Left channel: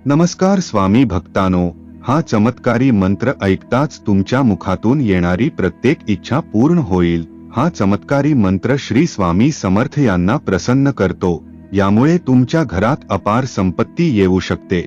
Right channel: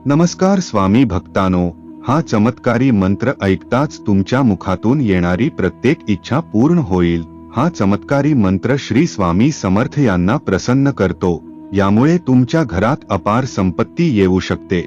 नमस्कार स्वामी भक्तानो, हा चमत्कारी मंत्र ऐकताच तुमच्या मुखातून येणारी प्रत्येक इच्छा पूर्ण होईल। हा चमत्कारी मंत्र श्री स्वामी समर्थ यांना प्रसन्न करतो, यामुळे तुमच्या घरात अपार संपत्ती येऊ शकते।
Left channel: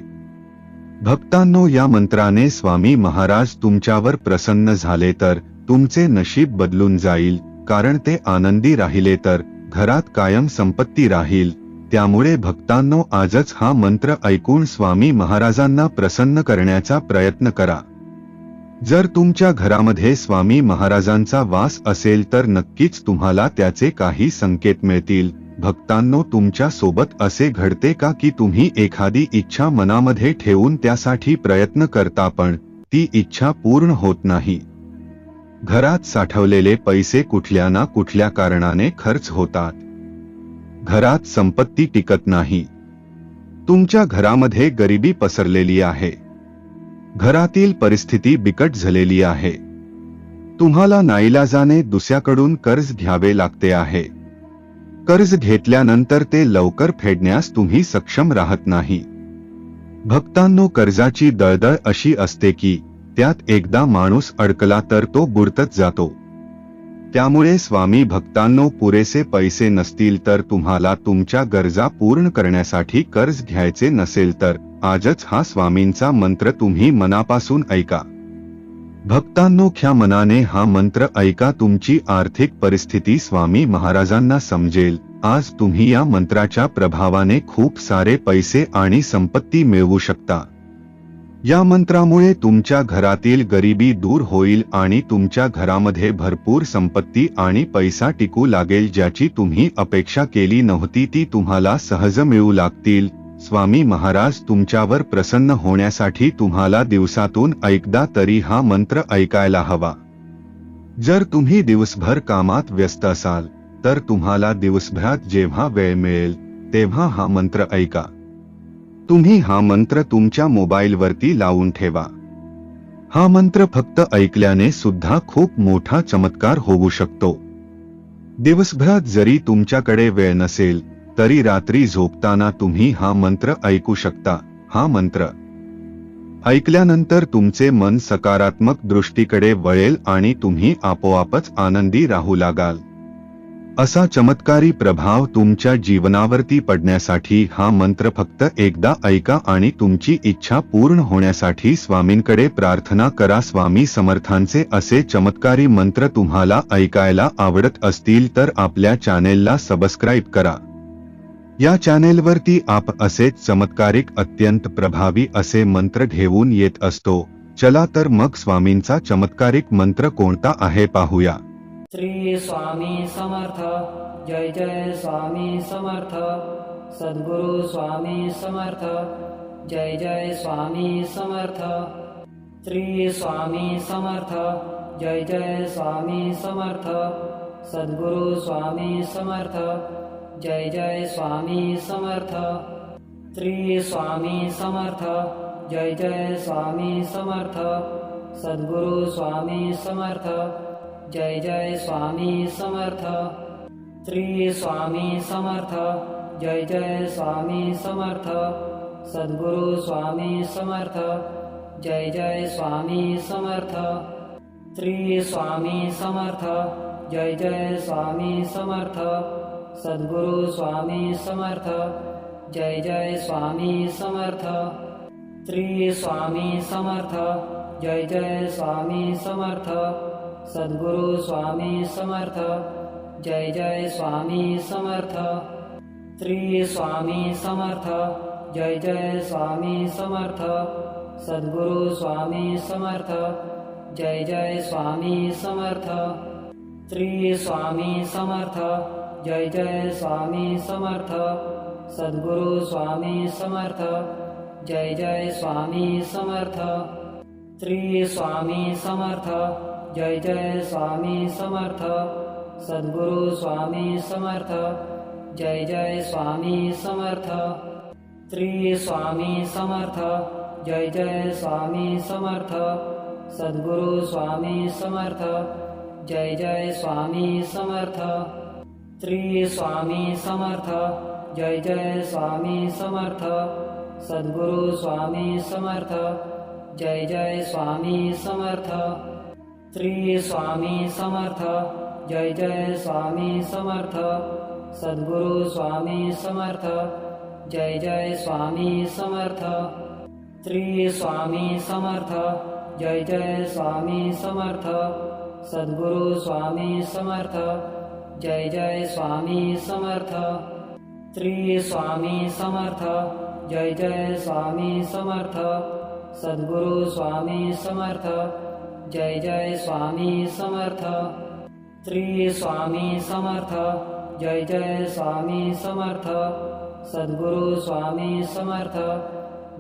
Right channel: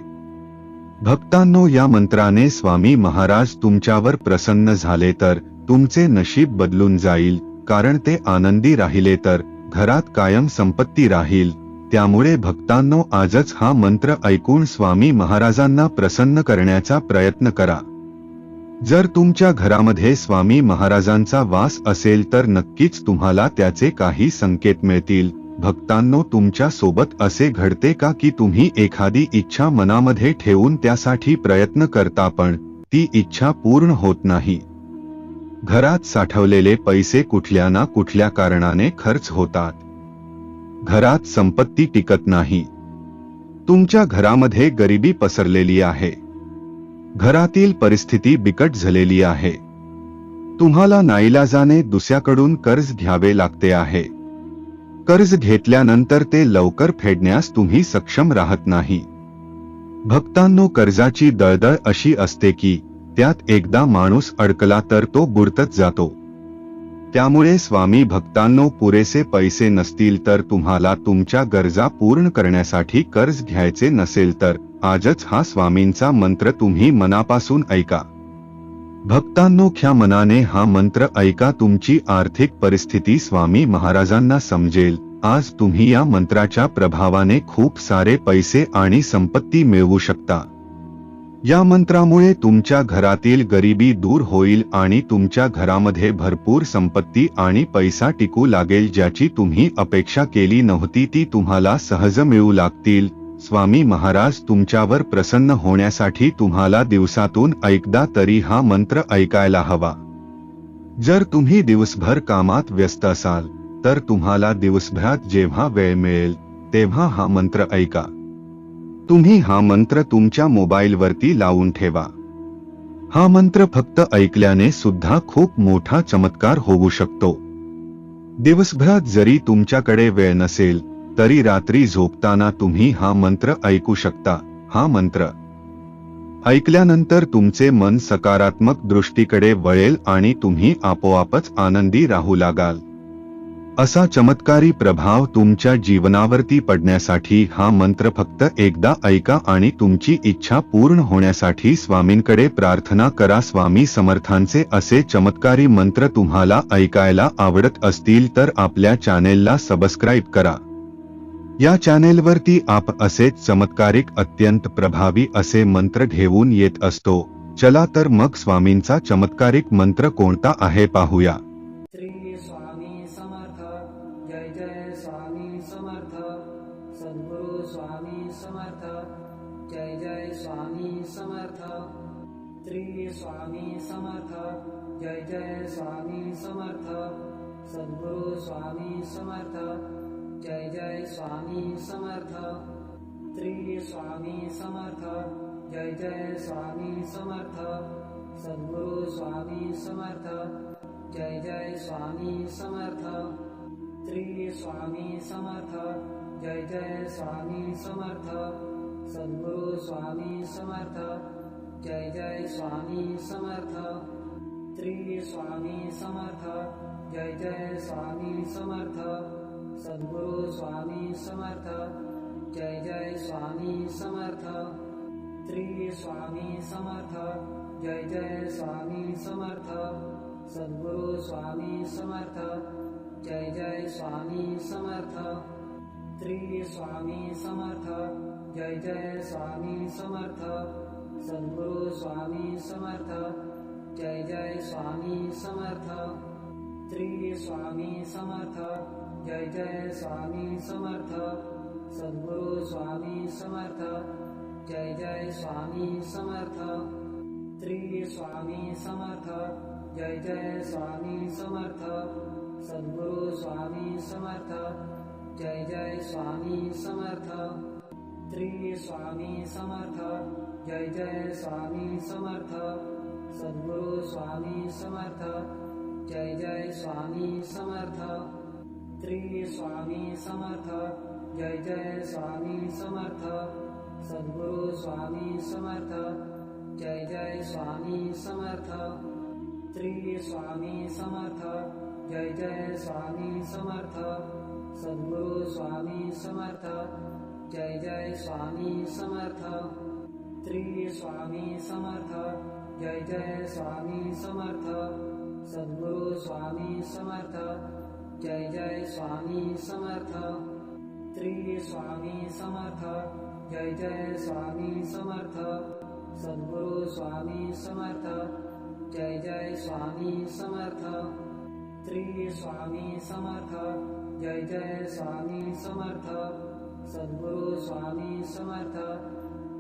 भक्तांनो, या मंत्राने स्वामी महाराज तुमच्यावर प्रसन्न झाले तर तुमचे नशीब बदलून जाईल, कारण ते आनंदी राहिले तर घरात कायम संपत्ती राहील। त्यामुळे भक्तांनो, आजच हा मंत्र ऐकून स्वामी महाराजांना प्रसन्न करण्याचा प्रयत्न करा। जर तुमच्या घरामध्ये स्वामी महाराजांचा वास असेल तर नक्कीच तुम्हाला त्याचे काही संकेत मिळतील। भक्तांनो, तुमच्या सोबत असे घडते का की तुम्ही एखादी इच्छा मनामध्ये ठेवून त्यासाठी प्रयत्न करता पण ती इच्छा पूर्ण होत नाही? घरात साठवलेले पैसे कुठल्या ना कुठल्या कारणाने खर्च होतात, घरात संपत्ती टिकत नाही, तुमच्या घरामध्ये गरिबी पसरलेली आहे, घरातील परिस्थिती बिकट झालेली आहे, तुम्हाला नाईलाजाने दुसऱ्याकडून कर्ज घ्यावे लागते आहे, कर्ज घेतल्यानंतर ते लवकर फेडण्यास तुम्ही सक्षम राहत नाही। भक्तांनो, कर्जाची दळदळ अशी असते की त्यात एकदा माणूस अडकला तर तो बुडतच जातो। त्यामुळे स्वामी भक्तांनो, पुरेसे पैसे नसतील तर तुम्हाला तुमच्या गरजा पूर्ण करण्यासाठी कर्ज घ्यायचे नसेल तर आजच हा स्वामींचा मंत्र तुम्ही मनापासून ऐका। भक्तांनो, ख्या मनाने हा मंत्र ऐका, तुमची आर्थिक परिस्थिती स्वामी महाराजांना समजेल। आज तुम्ही या मंत्राच्या प्रभावाने खूप सारे पैसे आणि संपत्ती मिळवू शकता। या मंत्रामुळे तुमच्या घरातील गरिबी दूर होईल आणि तुमच्या घरामध्ये भरपूर संपत्ती आणि पैसा टिकू लागेल। ज्याची तुम्ही अपेक्षा केली नव्हती ती तुम्हाला सहज मिळू लागतील। स्वामी महाराज तुमच्यावर प्रसन्न होण्यासाठी तुम्हाला दिवसातून एकदा तरी हा मंत्र ऐकायला हवा। जर तुम्ही दिवसभर कामात व्यस्त असाल तर तुम्हाला दिवसभरात जेव्हा वेळ मिळेल तेव्हा हा मंत्र ऐका। तुम्ही हा मंत्र तुमच्या मोबाईलवरती लावून ठेवा। हा मंत्र फक्त ऐकल्याने सुद्धा खूप मोठा चमत्कार होऊ शकतो। दिवसभरात जरी तुमच्याकडे वेळ नसेल तरी रात्री झोपताना तुम्ही हा मंत्र ऐकू शकता। हा मंत्र ऐकल्यानंतर तुमचे मन सकारात्मक दृष्टीकडे वळेल आणि तुम्ही आपोआपच आनंदी राहू लागाल। असा चमत्कारी प्रभाव तुमच्या जीवनावरती पडण्यासाठी हा मंत्र फक्त एकदा ऐका आणि तुमची इच्छा पूर्ण होण्यासाठी स्वामींकडे प्रार्थना करा। स्वामी समर्थांचे असे चमत्कारी मंत्र तुम्हाला ऐकायला आवडत असतील तर आपल्या चॅनेलला सबस्क्राईब करा। या चॅनेलवरती आप असेच चमत्कारिक अत्यंत प्रभावी असे मंत्र घेऊन येत असतो। चला तर मग स्वामींचा चमत्कारिक मंत्र कोणता आहे पाहूया। श्री स्वामी समर्थ, जय जय स्वामी समर्थ, सद्गुरु स्वामी समर्थ, जय जय स्वामी समर्थ। श्री स्वामी समर्थ, जय जय स्वामी समर्थ, सद्गुरु स्वामी समर्थ, जय जय स्वामी समर्थ। श्री स्वामी समर्थ, जय जय स्वामी समर्थ, सद्गुरु स्वामी समर्थ, जय जय स्वामी समर्थ। श्री स्वामी समर्थ, जय जय स्वामी समर्थ, सद्गुरु स्वामी समर्थ, जय जय स्वामी समर्थ। श्री स्वामी समर्थ, जय जय स्वामी समर्थ, सद्गुरु स्वामी समर्थ, जय जय स्वामी समर्थ। श्री स्वामी समर्थ, जय जय स्वामी समर्थ, सद्गुरु स्वामी समर्थ, जय जय स्वामी समर्थ। श्री स्वामी समर्थ, जय जय स्वामी समर्थ, सद्गुरु स्वामी समर्थ, जय जय स्वामी समर्थ। श्री स्वामी समर्थ, जय जय स्वामी समर्थ, सद्गुरु स्वामी समर्थ, जय जय स्वामी समर्थ। श्री स्वामी समर्थ, जय जय स्वामी समर्थ, सद्गुरु स्वामी समर्थ, जय जय स्वामी समर्थ। श्री स्वामी समर्थ, जय जय स्वामी समर्थ, सद्गुरु स्वामी समर्थ, जय जय स्वामी समर्थ। श्री स्वामी समर्थ, जय जय स्वामी समर्थ, सद्गुरु स्वामी समर्थ जय जय स्वामी समर्थ श्री स्वामी समर्थ जय जय स्वामी समर्थ सद्गुरु स्वामी समर्थ जय जय स्वामी समर्थ श्री स्वामी समर्थ जय जय स्वामी समर्थ सद्गुरु स्वामी समर्थ जय जय स्वामी समर्थ श्री स्वामी समर्थ जय जय स्वामी समर्थ सद्गुरु स्वामी समर्थ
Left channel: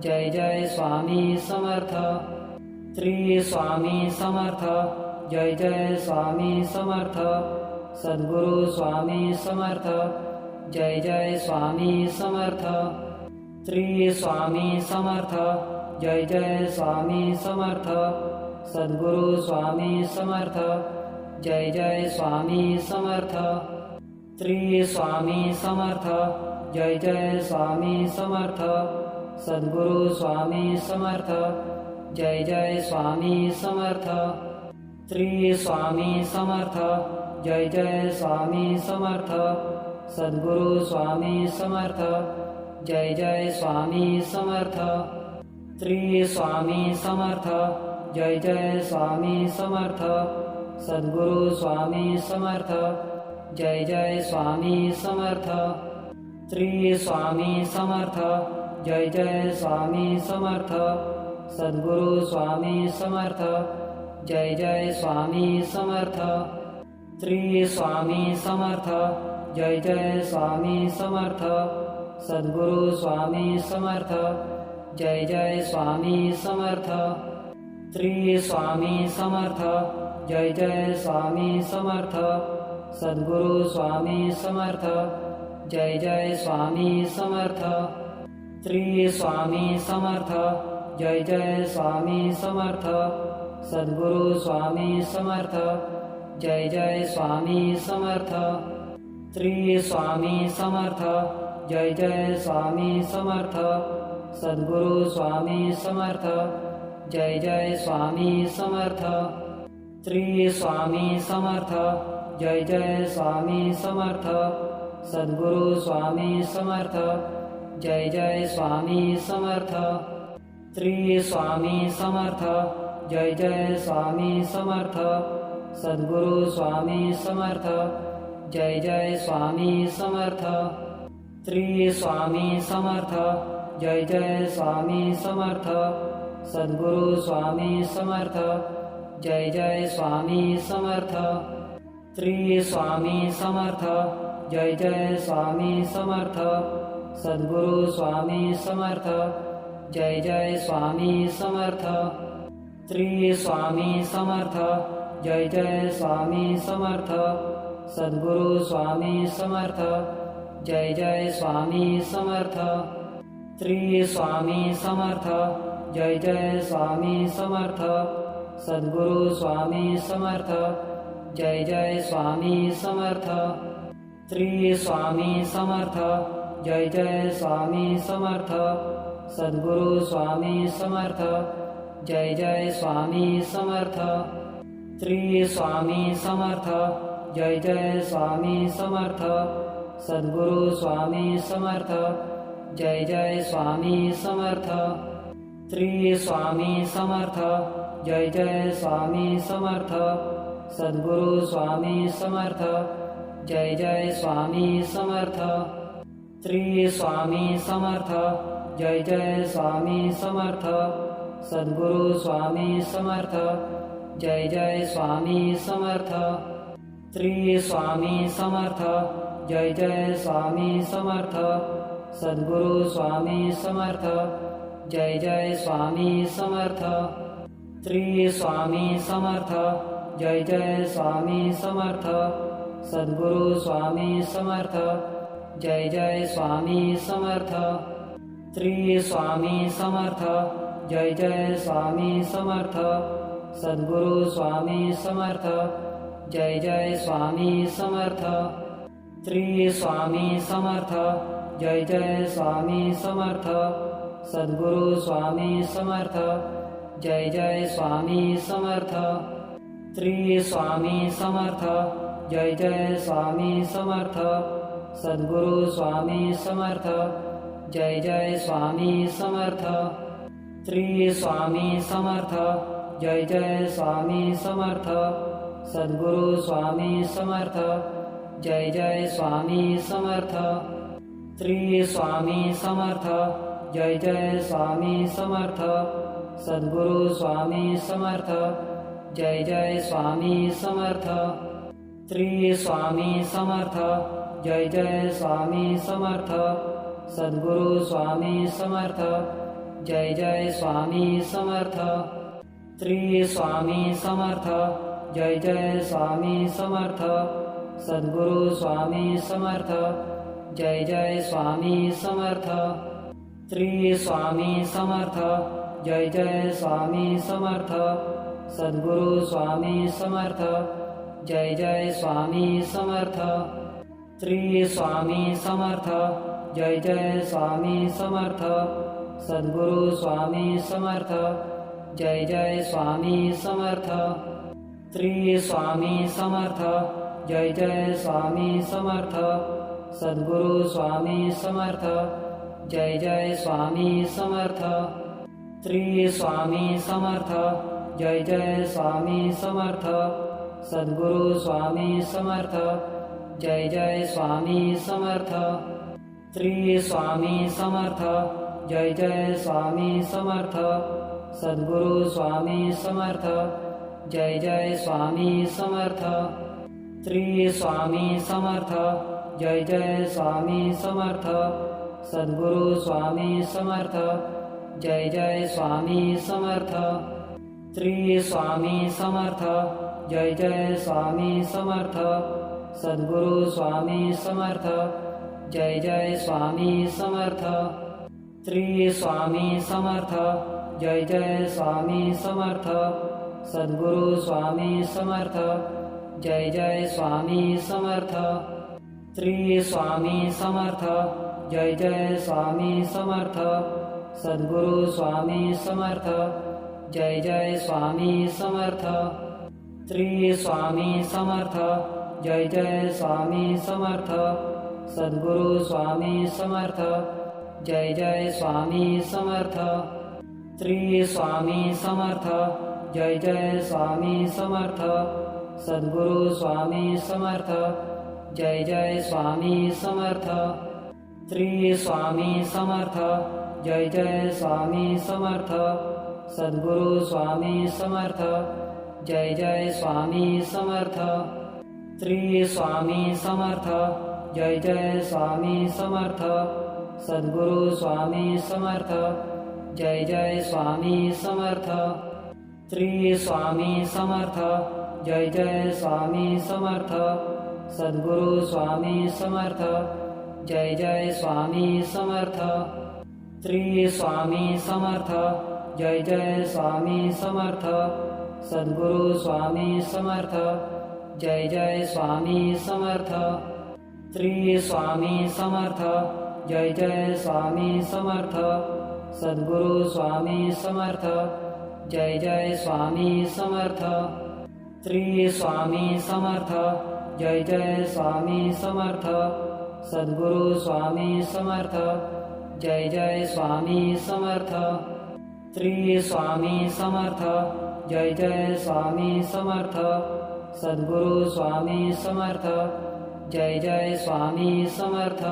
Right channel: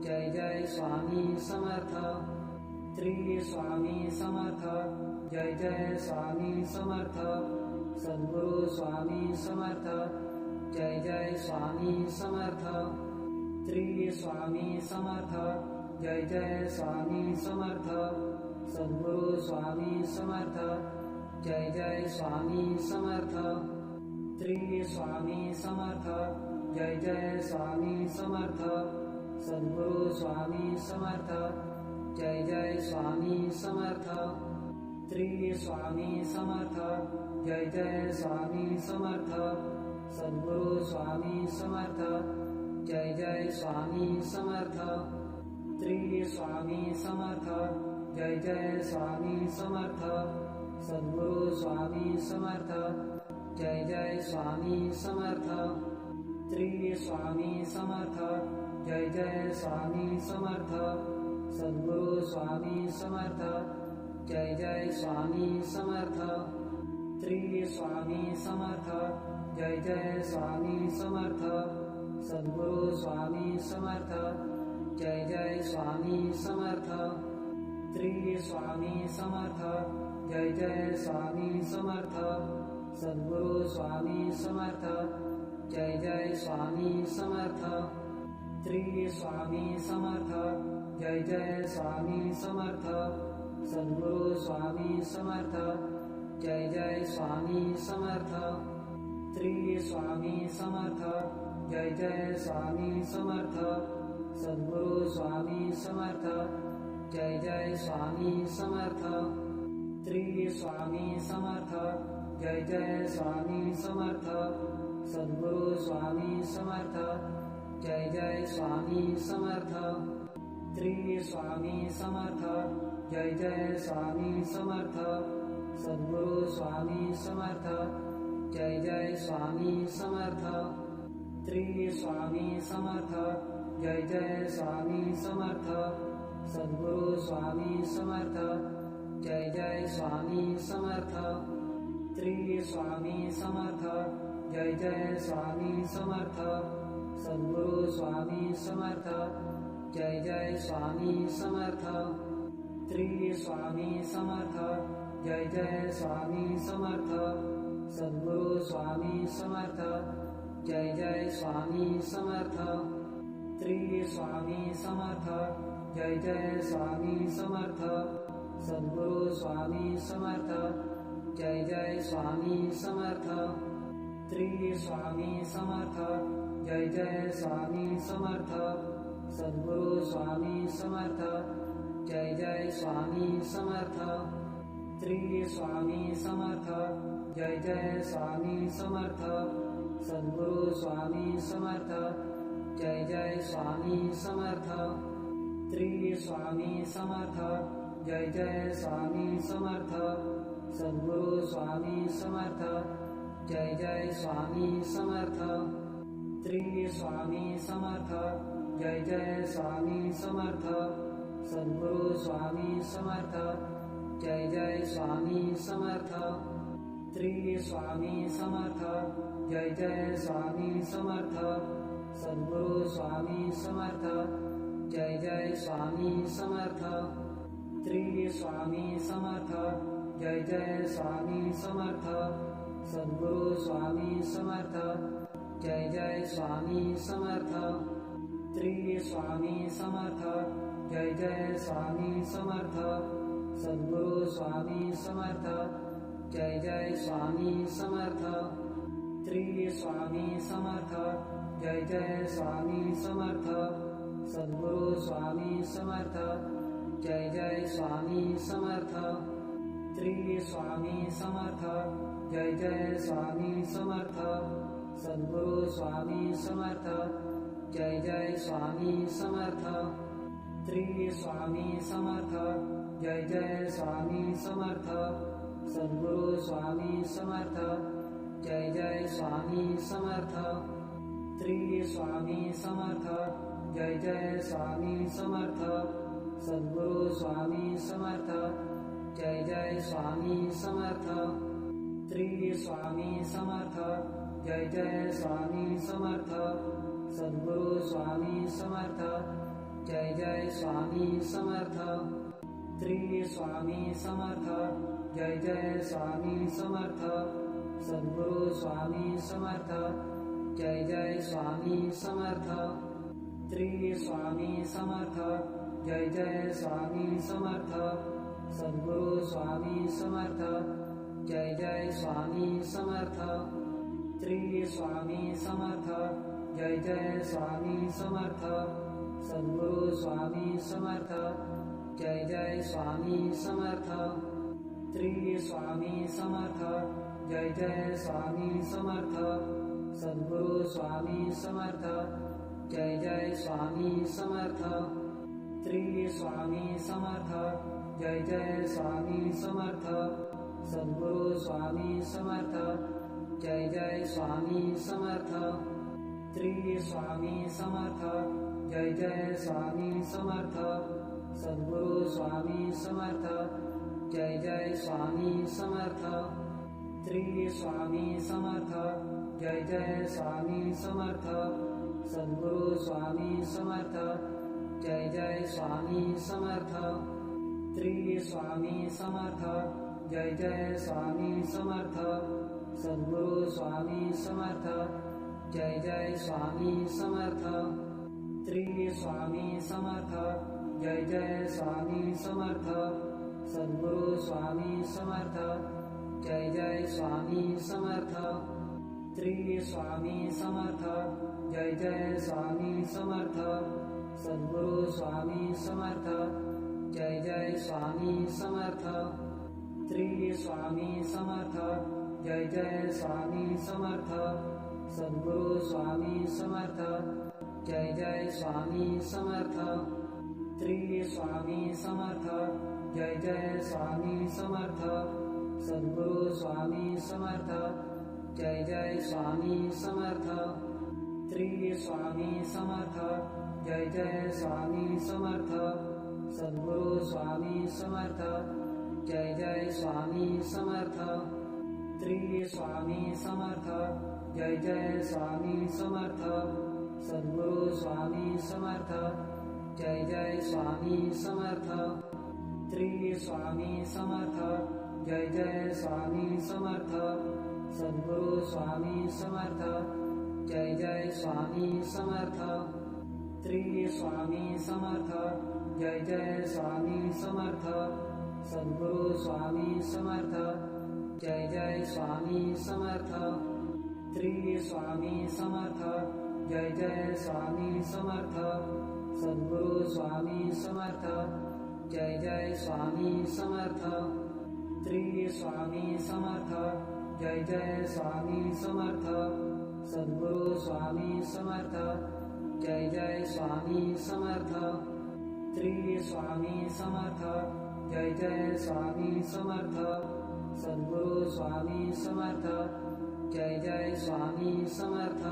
जय जय स्वामी समर्थ श्री स्वामी समर्थ जय जय स्वामी समर्थ सद्गुरु स्वामी समर्थ जय जय स्वामी समर्थ श्री स्वामी समर्थ जय जय स्वामी समर्थ सद्गुरु स्वामी समर्थ जय जय स्वामी समर्थ श्री स्वामी समर्थ जय जय स्वामी समर्थ सद्गुरु स्वामी समर्थ जय जय स्वामी समर्थ श्री स्वामी समर्थ जय जय स्वामी समर्थ सद्गुरु स्वामी समर्थ जय जय स्वामी समर्थ श्री स्वामी समर्थ जय जय स्वामी समर्थ सद्गुरु स्वामी समर्थ जय जय स्वामी समर्थ श्री स्वामी समर्थ जय जय स्वामी समर्थ सद्गुरु स्वामी समर्थ जय जय स्वामी समर्थ श्री स्वामी समर्थ जय जय स्वामी समर्थ सद्गुरु स्वामी समर्थ जय जय स्वामी समर्थ श्री स्वामी समर्थ जय जय स्वामी समर्थ सद्गुरु स्वामी समर्थ जय जय स्वामी समर्थ श्री स्वामी समर्थ जय जय स्वामी समर्थ सद्गुरु स्वामी समर्थ जय जय स्वामी समर्थ श्री स्वामी समर्थ जय जय स्वामी समर्थ सद्गुरु स्वामी समर्थ जय जय स्वामी समर्थ श्री स्वामी समर्थ जय जय स्वामी समर्थ सद्गुरु स्वामी समर्थ जय जय स्वामी समर्थ श्री स्वामी समर्थ जय जय स्वामी समर्थ सद्गुरु स्वामी समर्थ जय जय स्वामी समर्थ श्री स्वामी समर्थ जय जय स्वामी समर्थ सद्गुरु स्वामी समर्थ जय जय स्वामी समर्थ श्री स्वामी समर्थ जय जय स्वामी समर्थ सद्गुरु स्वामी समर्थ जय जय स्वामी समर्थ श्री स्वामी समर्थ जय जय स्वामी समर्थ सद्गुरु स्वामी समर्थ जय जय स्वामी समर्थ श्री स्वामी समर्थ जय जय स्वामी समर्थ सद्गुरु स्वामी समर्थ जय जय स्वामी समर्थ श्री स्वामी समर्थ जय जय स्वामी समर्थ सद्गुरु स्वामी समर्थ जय जय स्वामी समर्थ श्री स्वामी समर्थ जय जय स्वामी समर्थ सद्गुरु स्वामी समर्थ जय जय स्वामी समर्थ श्री स्वामी समर्थ जय जय स्वामी समर्थ सद्गुरु स्वामी समर्थ जय जय स्वामी समर्थ श्री स्वामी समर्थ जय जय स्वामी समर्थ सद्गुरु स्वामी समर्थ जय जय स्वामी समर्थ श्री स्वामी समर्थ जय जय स्वामी समर्थ सद्गुरु स्वामी समर्थ जय जय स्वामी समर्थ श्री स्वामी समर्थ जय जय स्वामी समर्थ सद्गुरु स्वामी समर्थ जय जय स्वामी समर्थ श्री स्वामी समर्थ जय जय स्वामी समर्थ सद्गुरु स्वामी समर्थ जय जय स्वामी समर्थ श्री स्वामी समर्थ जय जय स्वामी समर्थ सद्गुरु स्वामी समर्थ जय जय स्वामी समर्थ श्री स्वामी समर्थ जय जय स्वामी समर्थ सद्गुरु स्वामी समर्थ जय जय स्वामी समर्थ श्री स्वामी समर्थ जय जय स्वामी समर्थ सद्गुरु स्वामी समर्थ जय जय स्वामी समर्थ श्री स्वामी समर्थ जय जय स्वामी समर्थ सद्गुरु स्वामी समर्थ जय जय स्वामी समर्थ श्री स्वामी समर्थ जय जय स्वामी समर्थ सद्गुरु स्वामी समर्थ जय जय स्वामी समर्थ श्री स्वामी समर्थ जय जय स्वामी समर्थ सद्गुरु स्वामी समर्थ जय जय स्वामी समर्थ श्री स्वामी समर्थ जय जय स्वामी समर्थ सद्गुरु स्वामी समर्थ जय जय स्वामी समर्थ श्री स्वामी समर्थ जय जय स्वामी समर्थ सद्गुरु स्वामी समर्थ जय जय स्वामी समर्थ श्री स्वामी समर्थ जय जय स्वामी समर्थ सद्गुरु स्वामी समर्थ जय जय स्वामी समर्थ श्री स्वामी समर्थ जय जय स्वामी समर्थ सद्गुरु स्वामी समर्थ जय जय स्वामी समर्थ श्री स्वामी समर्थ जय जय स्वामी समर्थ सद्गुरु स्वामी समर्थ जय जय स्वामी समर्थ श्री स्वामी समर्थ जय जय स्वामी समर्थ सद्गुरु स्वामी समर्थ जय जय स्वामी समर्थ श्री स्वामी समर्थ जय जय स्वामी समर्थ सद्गुरु स्वामी समर्थ जय जय स्वामी समर्थ श्री स्वामी समर्थ जय जय स्वामी समर्थ सद्गुरु स्वामी समर्थ जय जय स्वामी समर्थ श्री स्वामी समर्थ जय जय स्वामी समर्थ सद्गुरु स्वामी समर्थ जय जय स्वामी समर्थ श्री स्वामी समर्थ जय जय स्वामी समर्थ सद्गुरु स्वामी समर्थ जय जय स्वामी समर्थ श्री स्वामी समर्थ जय जय स्वामी समर्थ सद्गुरु स्वामी समर्थ जय जय स्वामी समर्थ श्री स्वामी समर्थ जय जय स्वामी समर्थ सद्गुरु स्वामी समर्थ जय जय स्वामी समर्थ श्री स्वामी समर्थ जय जय स्वामी समर्थ सद्गुरु स्वामी समर्थ जय जय स्वामी समर्थ श्री स्वामी समर्थ जय जय स्वामी समर्थ सद्गुरु स्वामी समर्थ जय जय स्वामी समर्थ श्री स्वामी समर्थ जय जय स्वामी समर्थ सद्गुरु स्वामी समर्थ जय जय स्वामी समर्थ श्री स्वामी समर्थ जय जय स्वामी समर्थ सद्गुरु स्वामी समर्थ जय जय स्वामी समर्थ श्री स्वामी समर्थ जय जय स्वामी समर्थ सद्गुरु स्वामी समर्थ जय जय स्वामी समर्थ श्री स्वामी समर्थ जय जय स्वामी समर्थ सद्गुरु स्वामी समर्थ जय जय स्वामी समर्थ श्री स्वामी समर्थ जय जय स्वामी समर्थ सद्गुरु स्वामी समर्थ जय जय स्वामी समर्थ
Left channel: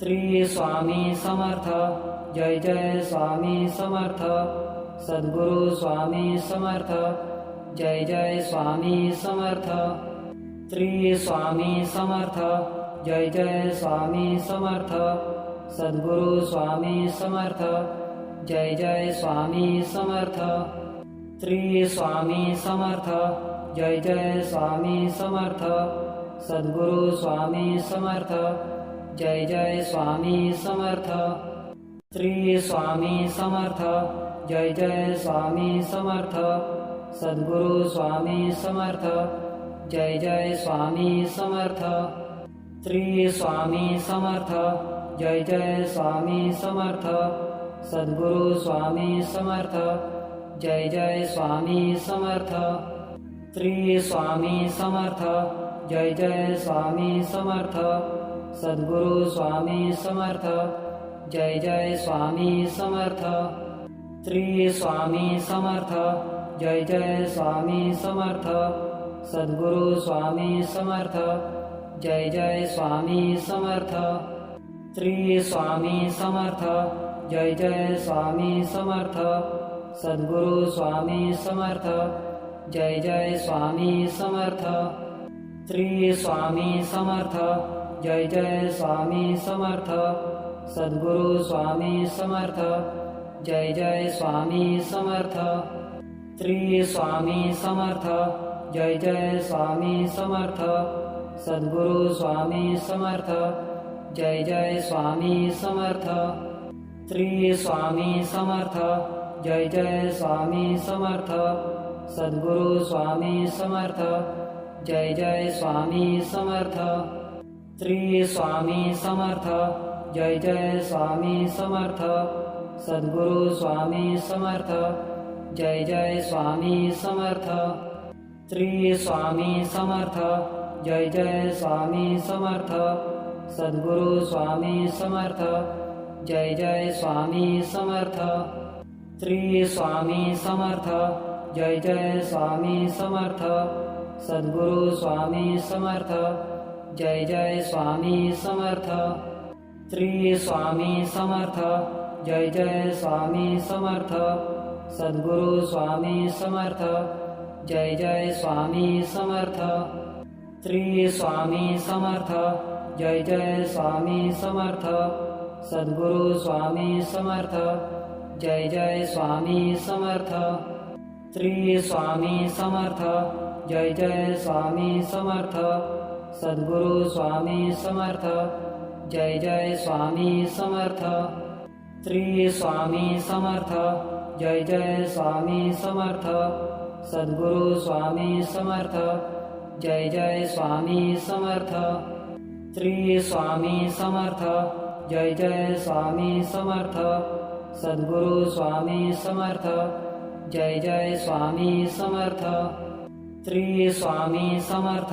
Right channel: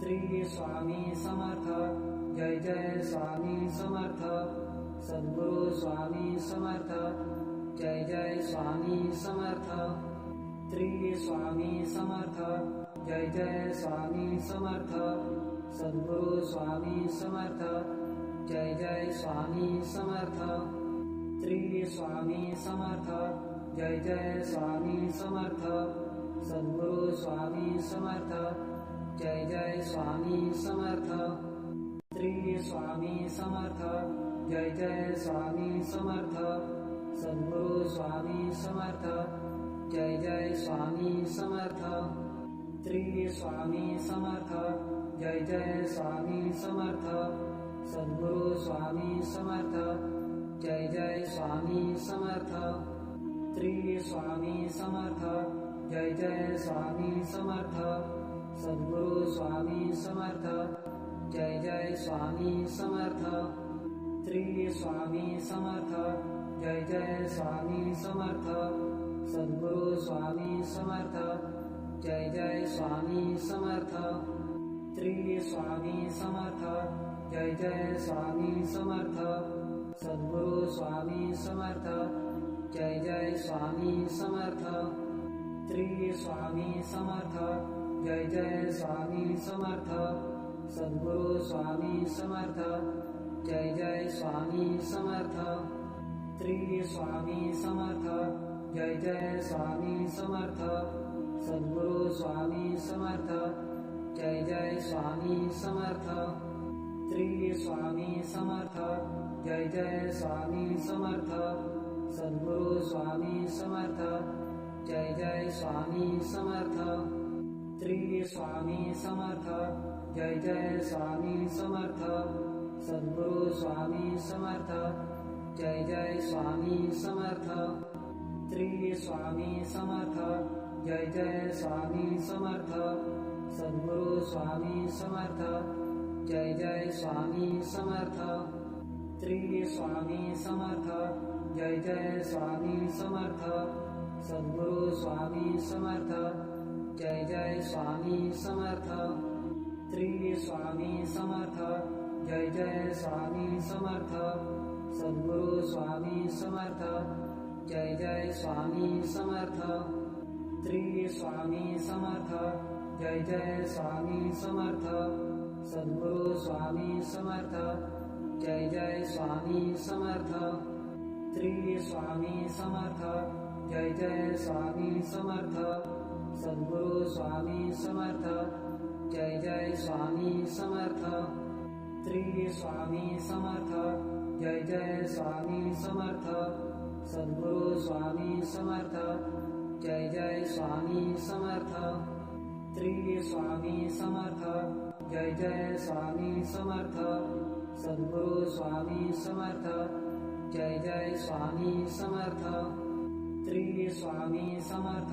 श्री स्वामी समर्थ जय जय स्वामी समर्थ सद्गुरु स्वामी समर्थ जय जय स्वामी समर्थ श्री स्वामी समर्थ जय जय स्वामी समर्थ सद्गुरु स्वामी समर्थ जय जय स्वामी समर्थ श्री स्वामी समर्थ जय जय स्वामी समर्थ सद्गुरु स्वामी समर्थ जय जय स्वामी समर्थ श्री स्वामी समर्थ जय जय स्वामी समर्थ सद्गुरु स्वामी समर्थ जय जय स्वामी समर्थ श्री स्वामी समर्थ जय जय स्वामी समर्थ सद्गुरु स्वामी समर्थ जय जय स्वामी समर्थ श्री स्वामी समर्थ जय जय स्वामी समर्थ सद्गुरु स्वामी समर्थ जय जय स्वामी समर्थ श्री स्वामी समर्थ जय जय स्वामी समर्थ सद्गुरु स्वामी समर्थ जय जय स्वामी समर्थ श्री स्वामी समर्थ जय जय स्वामी समर्थ सद्गुरु स्वामी समर्थ जय जय स्वामी समर्थ श्री स्वामी समर्थ जय जय स्वामी समर्थ सद्गुरु स्वामी समर्थ जय जय स्वामी समर्थ श्री स्वामी समर्थ जय जय स्वामी समर्थ सद्गुरु स्वामी समर्थ जय जय स्वामी समर्थ श्री स्वामी समर्थ जय जय स्वामी समर्थ सद्गुरु स्वामी समर्थ जय जय स्वामी समर्थ श्री स्वामी समर्थ जय जय स्वामी समर्थ सद्गुरु स्वामी समर्थ जय जय स्वामी समर्थ श्री स्वामी समर्थ जय जय स्वामी समर्थ सद्गुरु स्वामी समर्थ जय जय स्वामी समर्थ श्री स्वामी समर्थ जय जय स्वामी समर्थ सद्गुरु स्वामी समर्थ जय जय स्वामी समर्थ श्री स्वामी समर्थ जय जय स्वामी समर्थ सद्गुरु स्वामी समर्थ जय जय स्वामी समर्थ श्री स्वामी समर्थ जय जय स्वामी समर्थ सद्गुरु स्वामी समर्थ जय जय स्वामी समर्थ श्री स्वामी समर्थ जय जय स्वामी समर्थ सद्गुरु स्वामी समर्थ जय जय स्वामी समर्थ श्री स्वामी समर्थ जय जय स्वामी समर्थ सद्गुरु स्वामी समर्थ जय जय स्वामी समर्थ श्री स्वामी समर्थ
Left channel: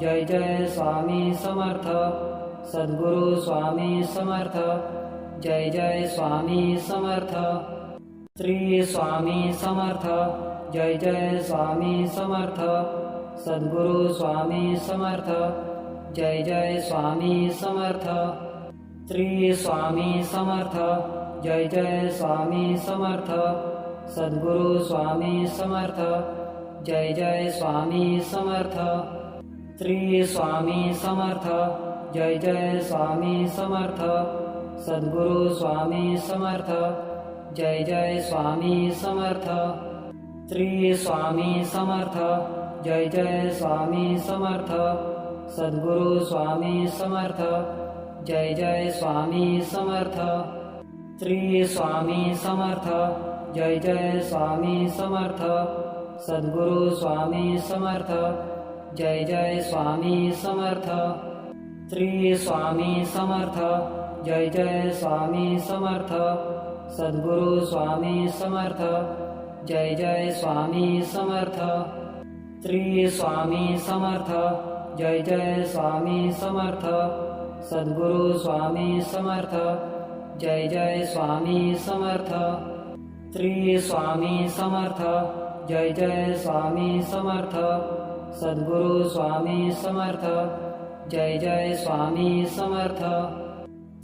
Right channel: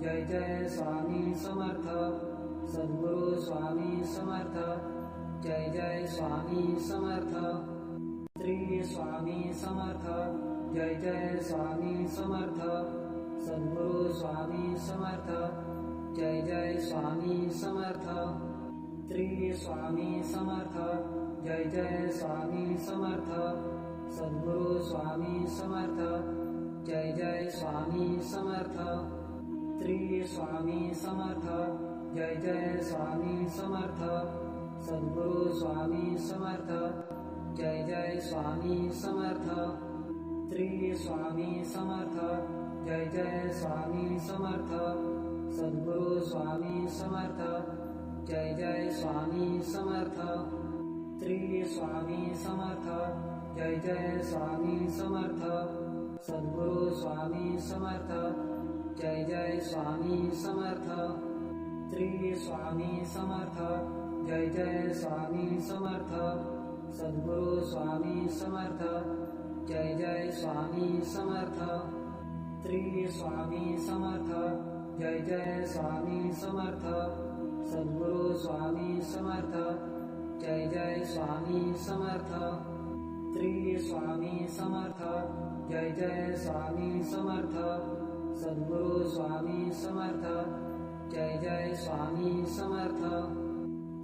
जय जय स्वामी समर्थ सद्गुरु स्वामी समर्थ जय जय स्वामी समर्थ श्री स्वामी समर्थ जय जय स्वामी समर्थ सद्गुरु स्वामी समर्थ जय जय स्वामी समर्थ श्री स्वामी समर्थ जय जय स्वामी समर्थ सद्गुरु स्वामी समर्थ जय जय स्वामी समर्थ श्री स्वामी समर्थ जय जय स्वामी समर्थ सद्गुरु स्वामी समर्थ जय जय स्वामी समर्थ श्री स्वामी समर्थ जय जय स्वामी समर्थ सद्गुरु स्वामी समर्थ जय जय स्वामी समर्थ श्री स्वामी समर्थ जय जय स्वामी समर्थ सद्गुरु स्वामी समर्थ जय जय स्वामी समर्थ श्री स्वामी समर्थ जय जय स्वामी समर्थ सद्गुरु स्वामी समर्थ जय जय स्वामी समर्थ श्री स्वामी समर्थ जय जय स्वामी समर्थ सद्गुरु स्वामी समर्थ जय जय स्वामी समर्थ श्री स्वामी समर्थ जय जय स्वामी समर्थ सद्गुरु स्वामी समर्थ जय जय स्वामी समर्थ श्री स्वामी समर्थ जय जय स्वामी समर्थ सद्गुरु स्वामी समर्थ जय जय स्वामी समर्थ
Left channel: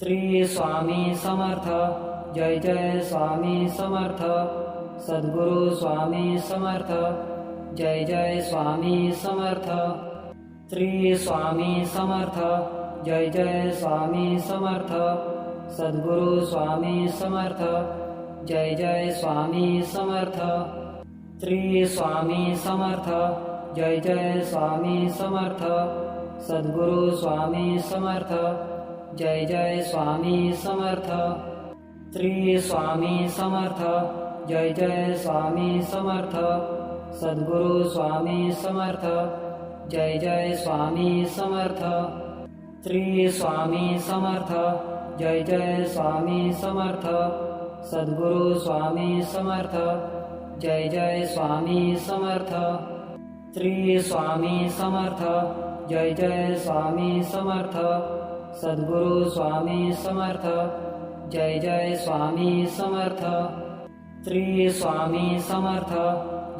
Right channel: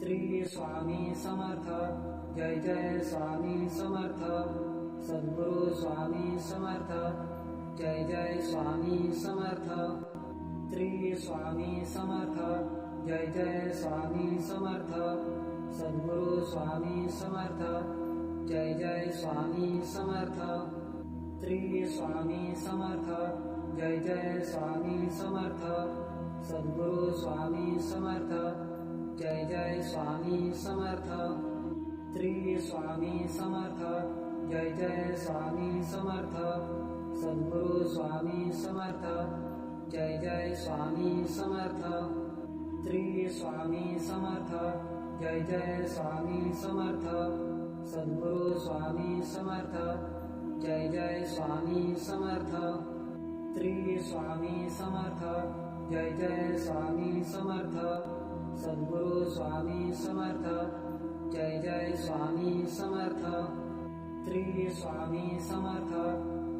श्री स्वामी समर्थ जय जय स्वामी समर्थ सद्गुरु स्वामी समर्थ जय जय स्वामी समर्थ श्री स्वामी समर्थ जय जय स्वामी समर्थ सद्गुरु स्वामी समर्थ जय जय स्वामी समर्थ श्री स्वामी समर्थ जय जय स्वामी समर्थ सद्गुरु स्वामी समर्थ जय जय स्वामी समर्थ श्री स्वामी समर्थ जय जय स्वामी समर्थ सद्गुरु स्वामी समर्थ जय जय स्वामी समर्थ श्री स्वामी समर्थ जय जय स्वामी समर्थ सद्गुरु स्वामी समर्थ जय जय स्वामी समर्थ श्री स्वामी समर्थ जय जय स्वामी समर्थ सद्गुरु स्वामी समर्थ जय जय स्वामी समर्थ श्री स्वामी समर्थ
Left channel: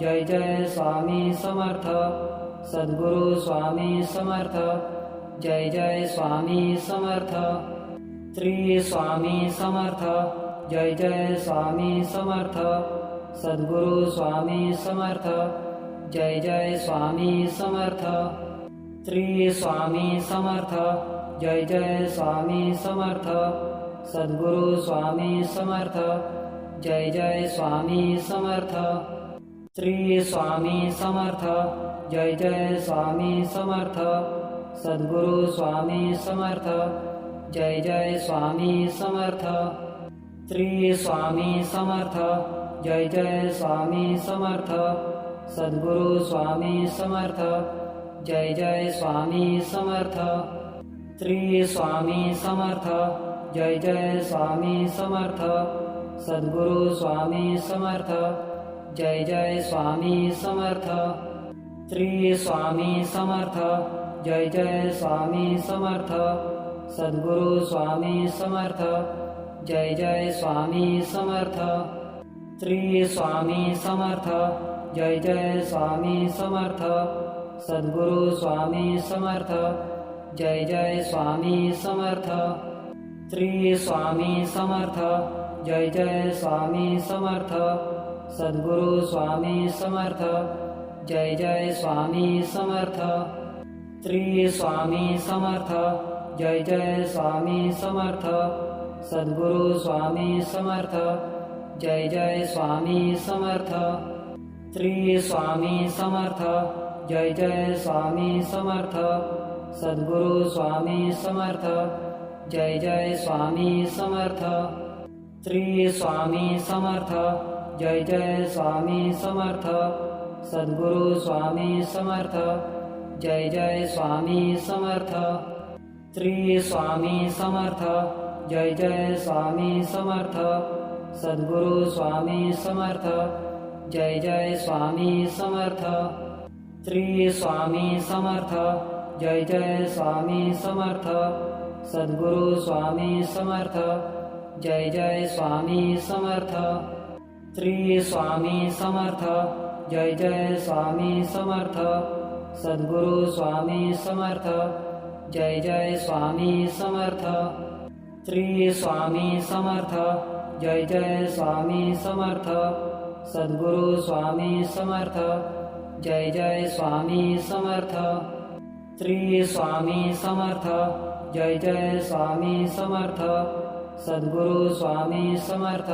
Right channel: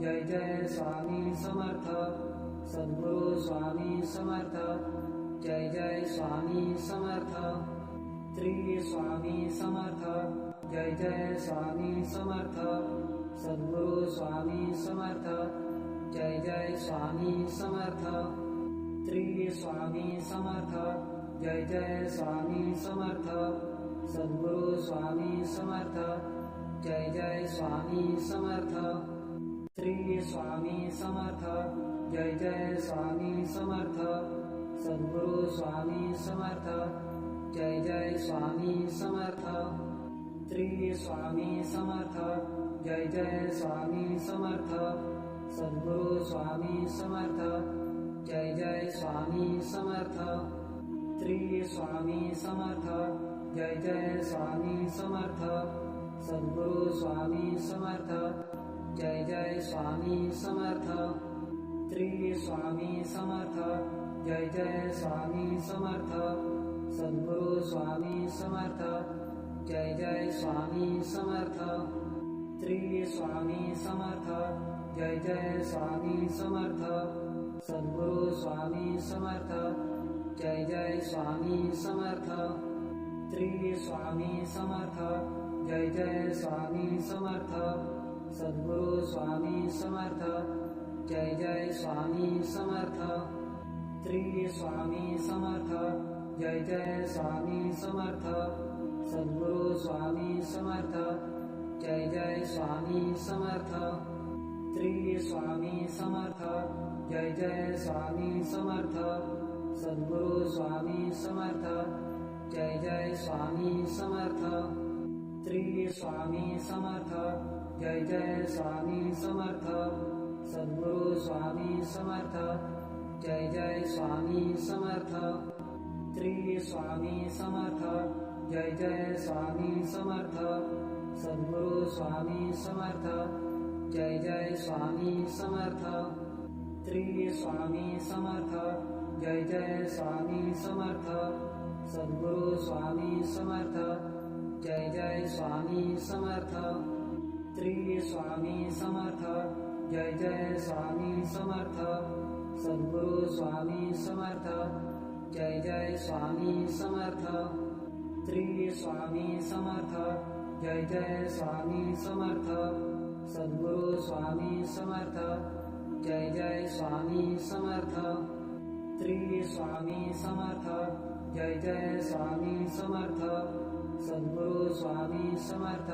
जय जय स्वामी समर्थ सद्गुरु स्वामी समर्थ जय जय स्वामी समर्थ श्री स्वामी समर्थ जय जय स्वामी समर्थ सद्गुरु स्वामी समर्थ जय जय स्वामी समर्थ श्री स्वामी समर्थ जय जय स्वामी समर्थ सद्गुरु स्वामी समर्थ जय जय स्वामी समर्थ श्री स्वामी समर्थ जय जय स्वामी समर्थ सद्गुरु स्वामी समर्थ जय जय स्वामी समर्थ श्री स्वामी समर्थ जय जय स्वामी समर्थ सद्गुरु स्वामी समर्थ जय जय स्वामी समर्थ श्री स्वामी समर्थ जय जय स्वामी समर्थ सद्गुरु स्वामी समर्थ जय जय स्वामी समर्थ श्री स्वामी समर्थ जय जय स्वामी समर्थ सद्गुरु स्वामी समर्थ जय जय स्वामी समर्थ श्री स्वामी समर्थ जय जय स्वामी समर्थ सद्गुरु स्वामी समर्थ जय जय स्वामी समर्थ श्री स्वामी समर्थ जय जय स्वामी समर्थ सद्गुरु स्वामी समर्थ जय जय स्वामी समर्थ श्री स्वामी समर्थ जय जय स्वामी समर्थ सद्गुरु स्वामी समर्थ जय जय स्वामी समर्थ श्री स्वामी समर्थ जय जय स्वामी समर्थ सद्गुरु स्वामी समर्थ जय जय स्वामी समर्थ श्री स्वामी समर्थ जय जय स्वामी समर्थ सद्गुरु स्वामी समर्थ जय जय स्वामी समर्थ श्री स्वामी समर्थ जय जय स्वामी समर्थ सद्गुरु स्वामी समर्थ जय जय स्वामी समर्थ श्री स्वामी समर्थ जय जय स्वामी समर्थ सद्गुरु स्वामी समर्थ जय जय स्वामी समर्थ श्री स्वामी समर्थ जय जय स्वामी समर्थ सद्गुरु स्वामी समर्थ जय जय स्वामी समर्थ श्री स्वामी समर्थ जय जय स्वामी समर्थ सद्गुरु स्वामी समर्थ जय जय स्वामी समर्थ श्री स्वामी समर्थ जय जय स्वामी समर्थ सद्गुरु स्वामी समर्थ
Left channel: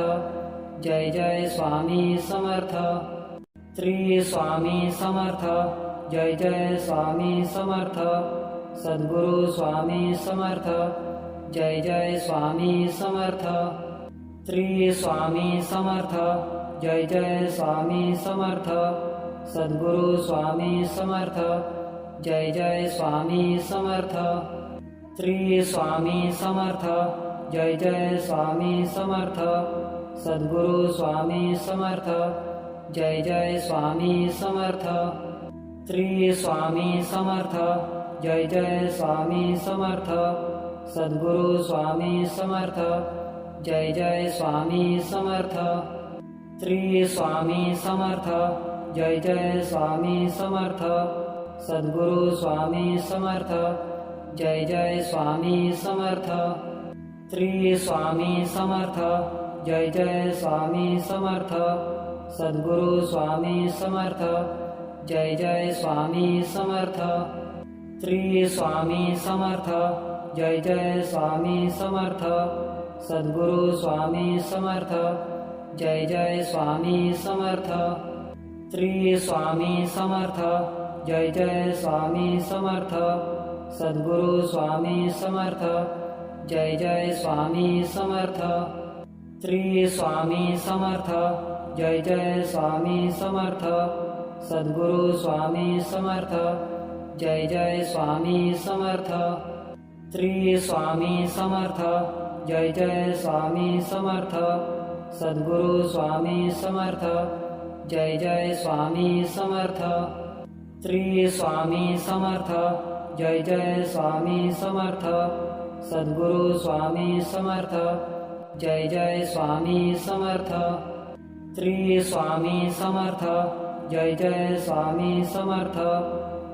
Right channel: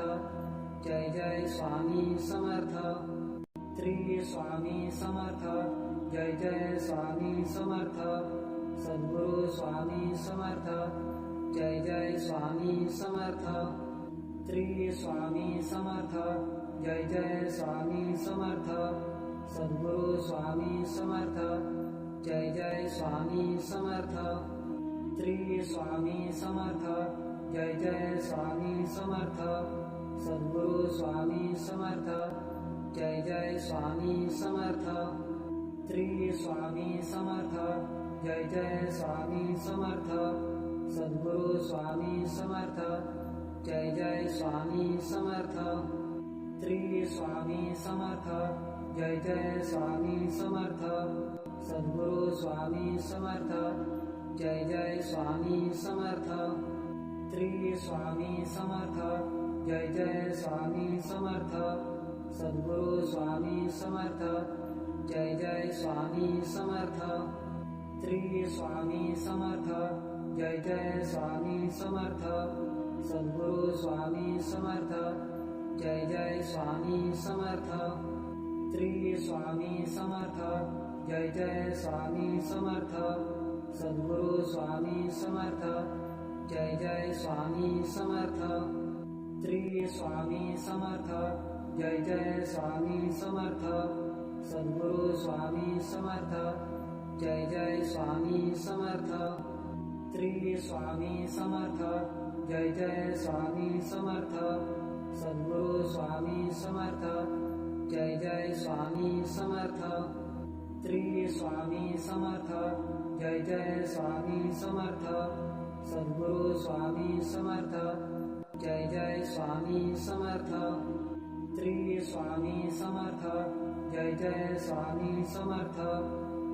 जय जय स्वामी समर्थ श्री स्वामी समर्थ जय जय स्वामी समर्थ सद्गुरु स्वामी समर्थ जय जय स्वामी समर्थ श्री स्वामी समर्थ जय जय स्वामी समर्थ सद्गुरु स्वामी समर्थ जय जय स्वामी समर्थ श्री स्वामी समर्थ जय जय स्वामी समर्थ सद्गुरु स्वामी समर्थ जय जय स्वामी समर्थ श्री स्वामी समर्थ जय जय स्वामी समर्थ सद्गुरु स्वामी समर्थ जय जय स्वामी समर्थ श्री स्वामी समर्थ जय जय स्वामी समर्थ सद्गुरु स्वामी समर्थ जय जय स्वामी समर्थ श्री स्वामी समर्थ जय जय स्वामी समर्थ सद्गुरु स्वामी समर्थ जय जय स्वामी समर्थ श्री स्वामी समर्थ जय जय स्वामी समर्थ सद्गुरु स्वामी समर्थ जय जय स्वामी समर्थ श्री स्वामी समर्थ जय जय स्वामी समर्थ सद्गुरु स्वामी समर्थ जय जय स्वामी समर्थ श्री स्वामी समर्थ जय जय स्वामी समर्थ सद्गुरु स्वामी समर्थ जय जय स्वामी समर्थ श्री स्वामी समर्थ जय जय स्वामी समर्थ सद्गुरु स्वामी समर्थ जय जय स्वामी समर्थ श्री स्वामी समर्थ जय जय स्वामी समर्थ सद्गुरु स्वामी समर्थ जय जय स्वामी समर्थ श्री स्वामी समर्थ जय जय स्वामी समर्थ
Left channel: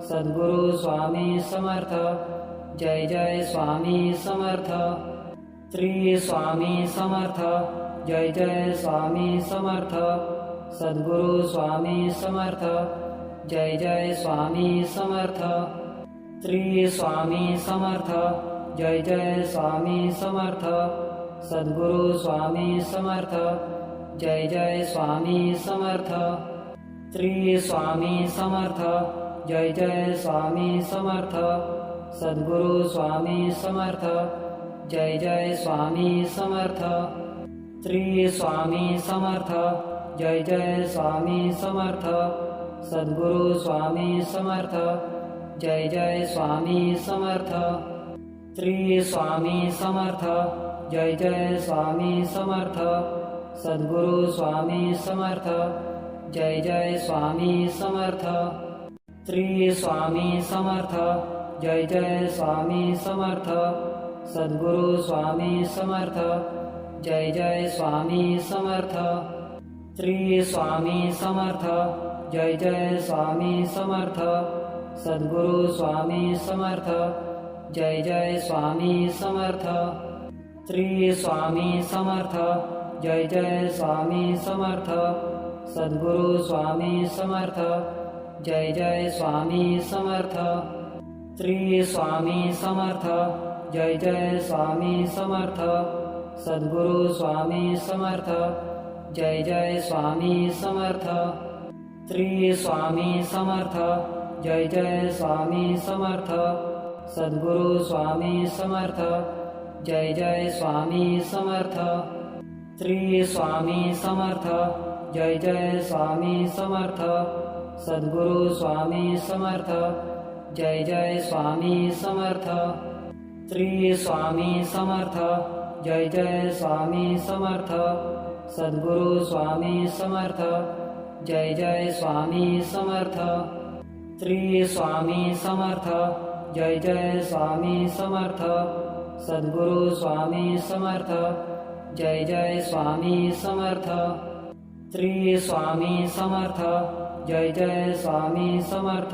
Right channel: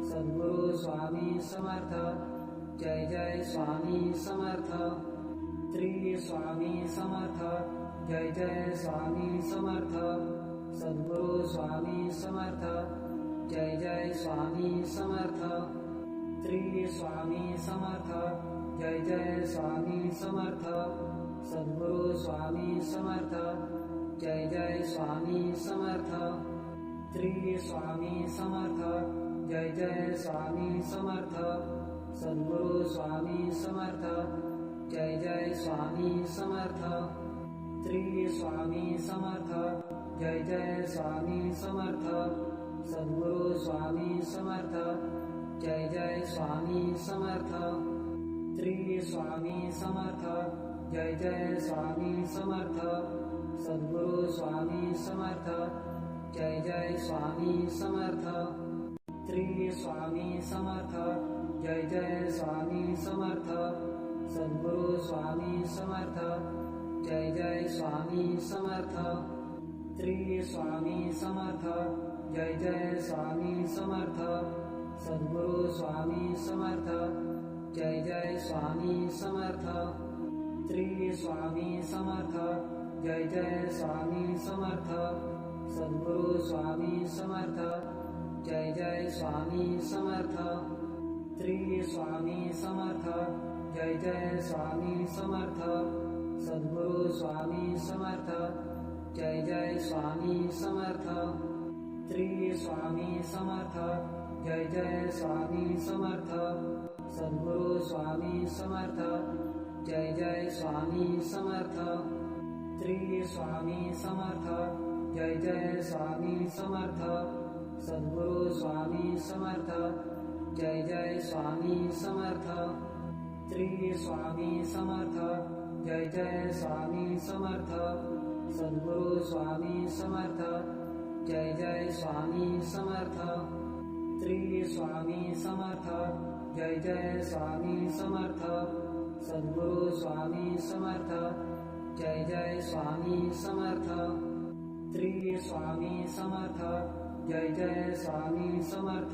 सद्गुरु स्वामी समर्थ जय जय स्वामी समर्थ श्री स्वामी समर्थ जय जय स्वामी समर्थ सद्गुरु स्वामी समर्थ जय जय स्वामी समर्थ श्री स्वामी समर्थ जय जय स्वामी समर्थ सद्गुरु स्वामी समर्थ जय जय स्वामी समर्थ श्री स्वामी समर्थ जय जय स्वामी समर्थ सद्गुरु स्वामी समर्थ जय जय स्वामी समर्थ श्री स्वामी समर्थ जय जय स्वामी समर्थ सद्गुरु स्वामी समर्थ जय जय स्वामी समर्थ श्री स्वामी समर्थ जय जय स्वामी समर्थ सद्गुरु स्वामी समर्थ जय जय स्वामी समर्थ श्री स्वामी समर्थ जय जय स्वामी समर्थ सद्गुरु स्वामी समर्थ जय जय स्वामी समर्थ श्री स्वामी समर्थ जय जय स्वामी समर्थ सद्गुरु स्वामी समर्थ जय जय स्वामी समर्थ श्री स्वामी समर्थ जय जय स्वामी समर्थ सद्गुरु स्वामी समर्थ जय जय स्वामी समर्थ श्री स्वामी समर्थ जय जय स्वामी समर्थ सद्गुरु स्वामी समर्थ जय जय स्वामी समर्थ श्री स्वामी समर्थ जय जय स्वामी समर्थ सद्गुरु स्वामी समर्थ जय जय स्वामी समर्थ श्री स्वामी समर्थ जय जय स्वामी समर्थ सद्गुरु स्वामी समर्थ जय जय स्वामी समर्थ श्री स्वामी समर्थ जय जय स्वामी समर्थ सद्गुरु स्वामी समर्थ जय जय स्वामी समर्थ श्री स्वामी समर्थ जय जय स्वामी समर्थ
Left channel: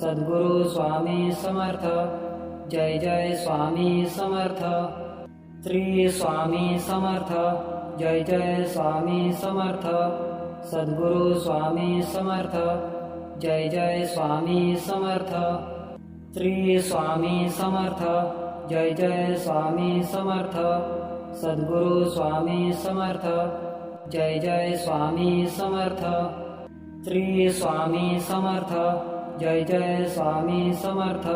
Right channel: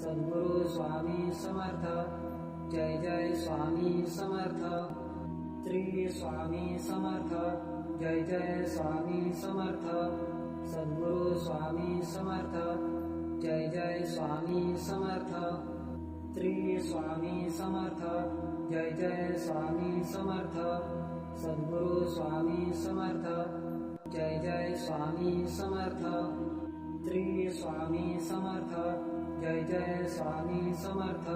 सद्गुरु स्वामी समर्थ जय जय स्वामी समर्थ श्री स्वामी समर्थ जय जय स्वामी समर्थ सद्गुरु स्वामी समर्थ जय जय स्वामी समर्थ श्री स्वामी समर्थ जय जय स्वामी समर्थ सद्गुरु स्वामी समर्थ जय जय स्वामी समर्थ श्री स्वामी समर्थ जय जय स्वामी समर्थ सद्गुरु स्वामी समर्थ जय जय स्वामी समर्थ श्री स्वामी समर्थ जय जय स्वामी समर्थ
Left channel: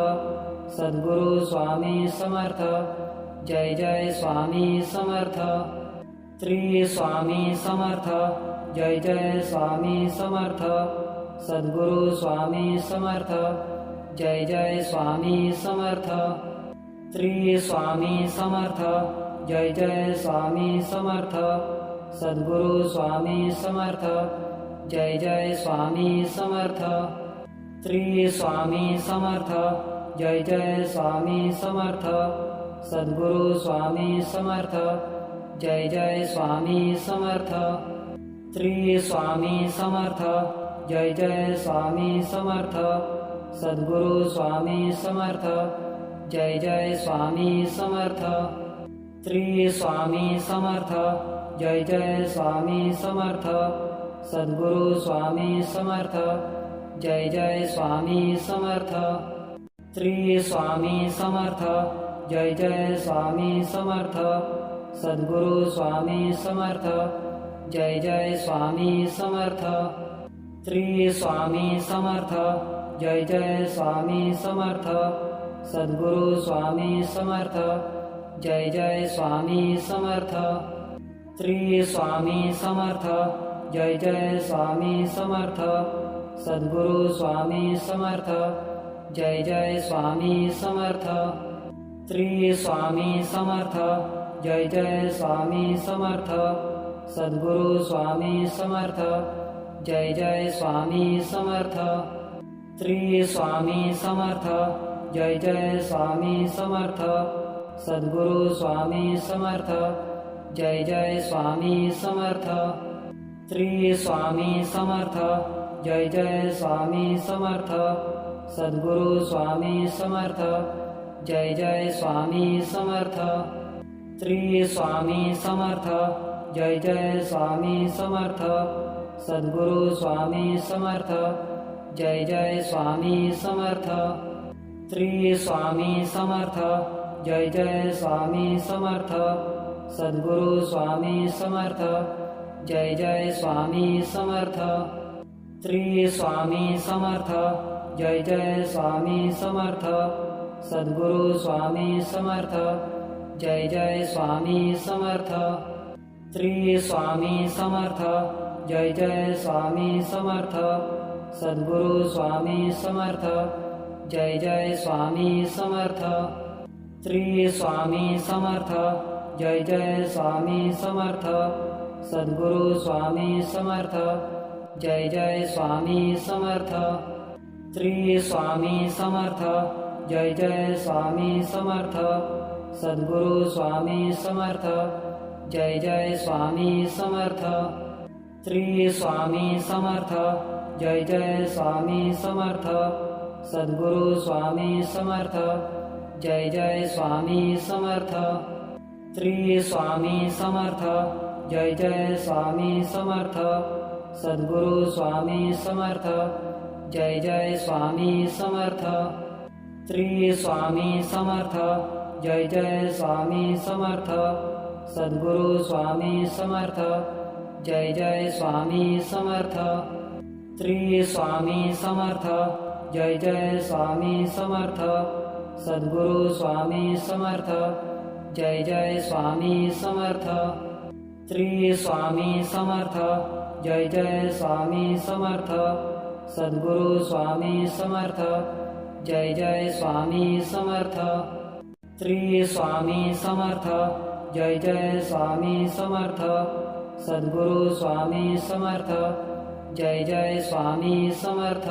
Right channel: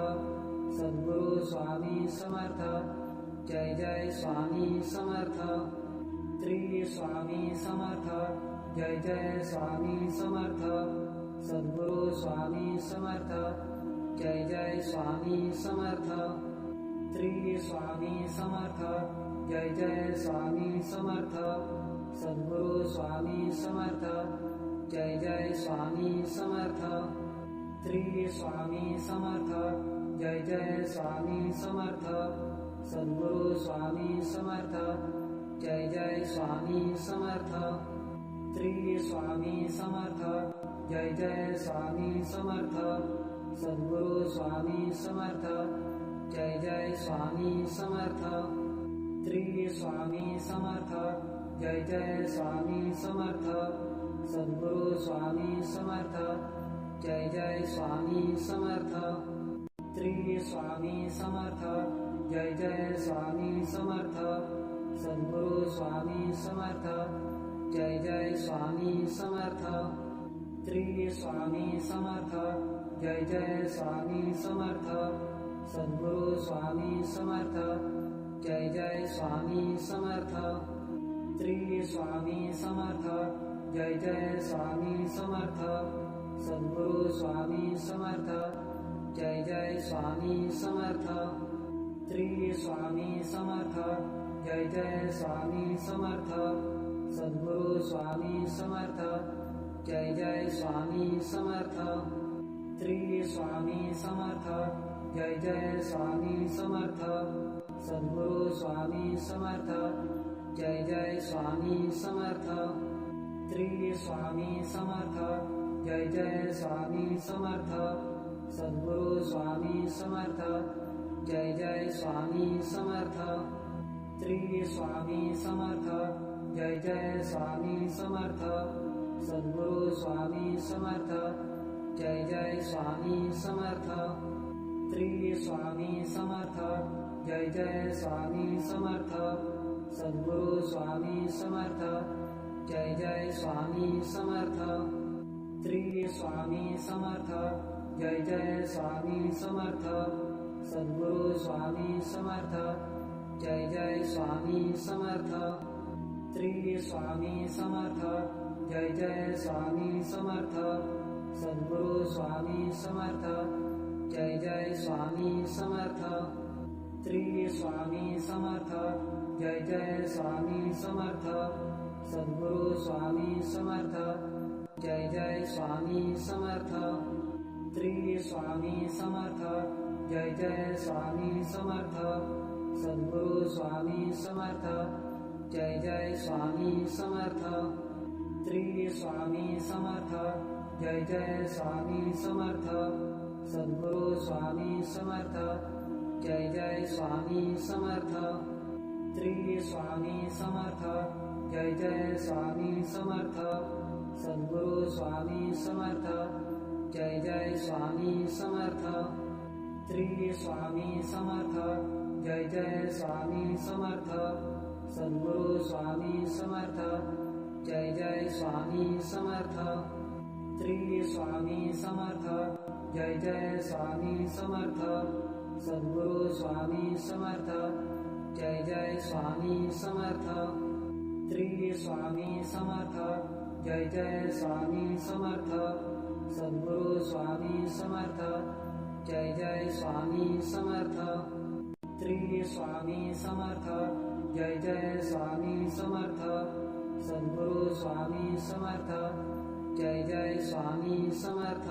सद्गुरु स्वामी समर्थ जय जय स्वामी समर्थ श्री स्वामी समर्थ जय जय स्वामी समर्थ सद्गुरु स्वामी समर्थ जय जय स्वामी समर्थ श्री स्वामी समर्थ जय जय स्वामी समर्थ सद्गुरु स्वामी समर्थ जय जय स्वामी समर्थ श्री स्वामी समर्थ जय जय स्वामी समर्थ सद्गुरु स्वामी समर्थ जय जय स्वामी समर्थ श्री स्वामी समर्थ जय जय स्वामी समर्थ सद्गुरु स्वामी समर्थ जय जय स्वामी समर्थ श्री स्वामी समर्थ जय जय स्वामी समर्थ सद्गुरु स्वामी समर्थ जय जय स्वामी समर्थ श्री स्वामी समर्थ जय जय स्वामी समर्थ सद्गुरु स्वामी समर्थ जय जय स्वामी समर्थ श्री स्वामी समर्थ जय जय स्वामी समर्थ सद्गुरु स्वामी समर्थ जय जय स्वामी समर्थ श्री स्वामी समर्थ जय जय स्वामी समर्थ सद्गुरु स्वामी समर्थ जय जय स्वामी समर्थ श्री स्वामी समर्थ जय जय स्वामी समर्थ सद्गुरु स्वामी समर्थ जय जय स्वामी समर्थ श्री स्वामी समर्थ जय जय स्वामी समर्थ सद्गुरु स्वामी समर्थ जय जय स्वामी समर्थ श्री स्वामी समर्थ जय जय स्वामी समर्थ सद्गुरु स्वामी समर्थ जय जय स्वामी समर्थ श्री स्वामी समर्थ जय जय स्वामी समर्थ सद्गुरु स्वामी समर्थ जय जय स्वामी समर्थ श्री स्वामी समर्थ जय जय स्वामी समर्थ सद्गुरु स्वामी समर्थ जय जय स्वामी समर्थ श्री स्वामी समर्थ जय जय स्वामी समर्थ सद्गुरु स्वामी समर्थ जय जय स्वामी समर्थ श्री स्वामी समर्थ जय जय स्वामी समर्थ सद्गुरु स्वामी समर्थ जय जय स्वामी समर्थ श्री स्वामी समर्थ जय जय स्वामी समर्थ सद्गुरु स्वामी समर्थ जय जय स्वामी समर्थ श्री स्वामी समर्थ जय जय स्वामी समर्थ सद्गुरु स्वामी समर्थ जय जय स्वामी समर्थ श्री स्वामी समर्थ जय जय स्वामी समर्थ सद्गुरु स्वामी समर्थ जय जय स्वामी समर्थ श्री स्वामी समर्थ जय जय स्वामी समर्थ सद्गुरु स्वामी समर्थ जय जय स्वामी समर्थ श्री स्वामी समर्थ जय जय स्वामी समर्थ सद्गुरु स्वामी समर्थ जय जय स्वामी समर्थ श्री स्वामी समर्थ जय जय स्वामी समर्थ सद्गुरु स्वामी समर्थ जय जय स्वामी समर्थ श्री स्वामी समर्थ जय जय स्वामी समर्थ सद्गुरु स्वामी समर्थ जय जय स्वामी समर्थ श्री स्वामी समर्थ जय जय स्वामी समर्थ सद्गुरु स्वामी समर्थ जय जय स्वामी समर्थ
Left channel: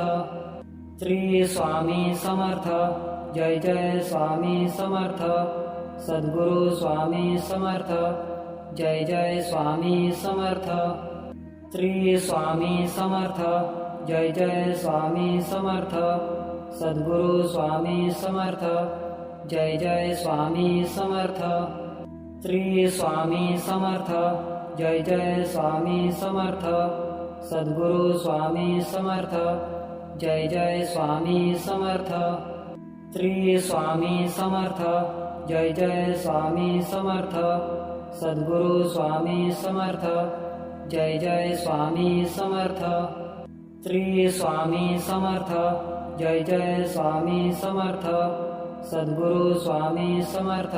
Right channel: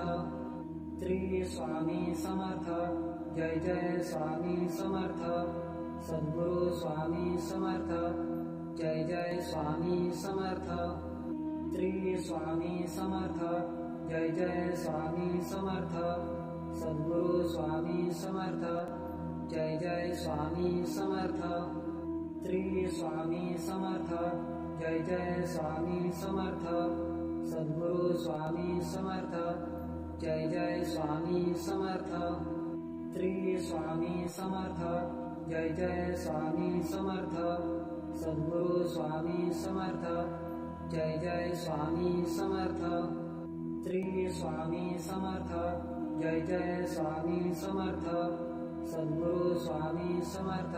श्री स्वामी समर्थ जय जय स्वामी समर्थ सद्गुरु स्वामी समर्थ जय जय स्वामी समर्थ श्री स्वामी समर्थ जय जय स्वामी समर्थ सद्गुरु स्वामी समर्थ जय जय स्वामी समर्थ श्री स्वामी समर्थ जय जय स्वामी समर्थ सद्गुरु स्वामी समर्थ जय जय स्वामी समर्थ श्री स्वामी समर्थ जय जय स्वामी समर्थ सद्गुरु स्वामी समर्थ जय जय स्वामी समर्थ श्री स्वामी समर्थ जय जय स्वामी समर्थ सद्गुरु स्वामी समर्थ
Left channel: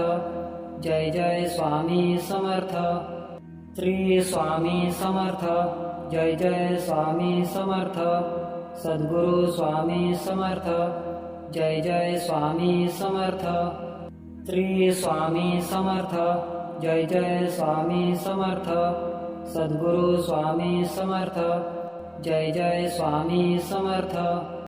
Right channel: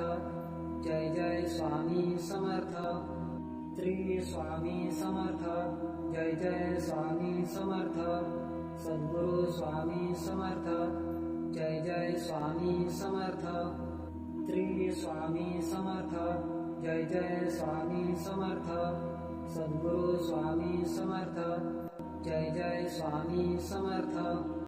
जय जय स्वामी समर्थ श्री स्वामी समर्थ जय जय स्वामी समर्थ सद्गुरु स्वामी समर्थ जय जय स्वामी समर्थ श्री स्वामी समर्थ जय जय स्वामी समर्थ सद्गुरु स्वामी समर्थ जय जय स्वामी समर्थ